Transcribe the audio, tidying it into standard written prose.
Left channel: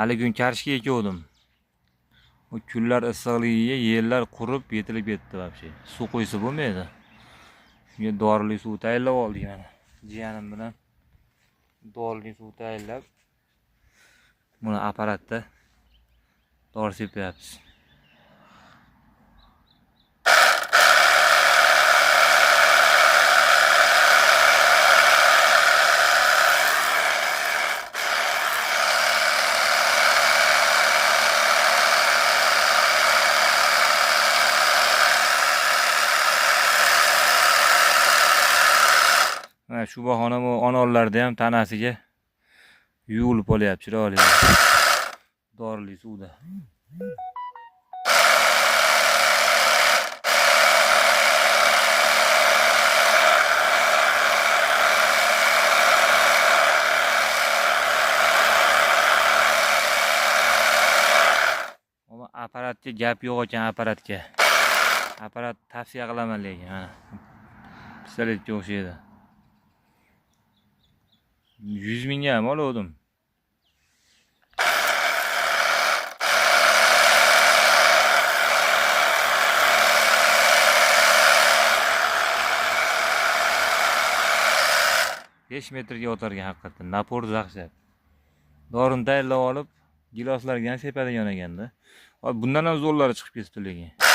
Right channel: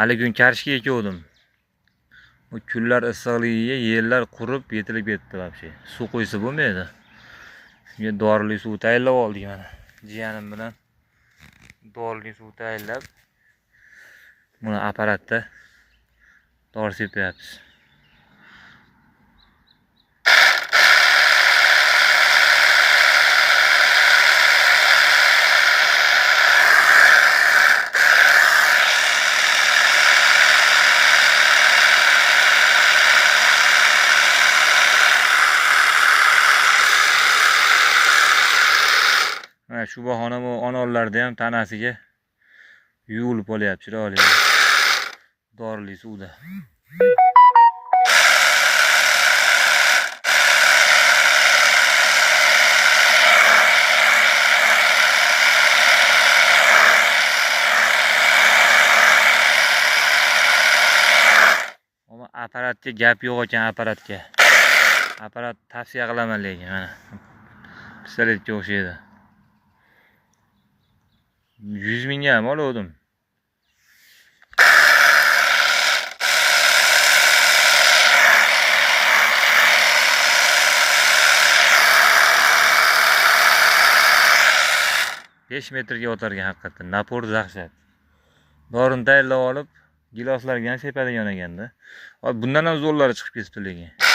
Hali kun karishga ekuvdim. Bu kunlar issiqligiga yerlar qurib, yetilib ketdi vobshe. Suv qo'ysa bo'lmaydi. Shunga dorili suv tayyorlab oldik mana. Jiyanim bilan dorili suv tayyorlab buni apparatda dori sepyapmiz. Shu bahona bu onollarda ham tanasiga yuvilib olyapti, chiroyli. Dorili suvda. Ama apparatga gap yo'q ekan, apparatga. Apparat tavsiya qilaman lekin mana. Pistoletga o'xshaydi. 100 mingga ham oldim. Besh metrga o'targan haqiqatdan. Napor dahshat. Dorini tayyorlab olib, giloslarga ham sepadigan ekanda. Bundan ham zo'rlari chiqib ketibdi lekin.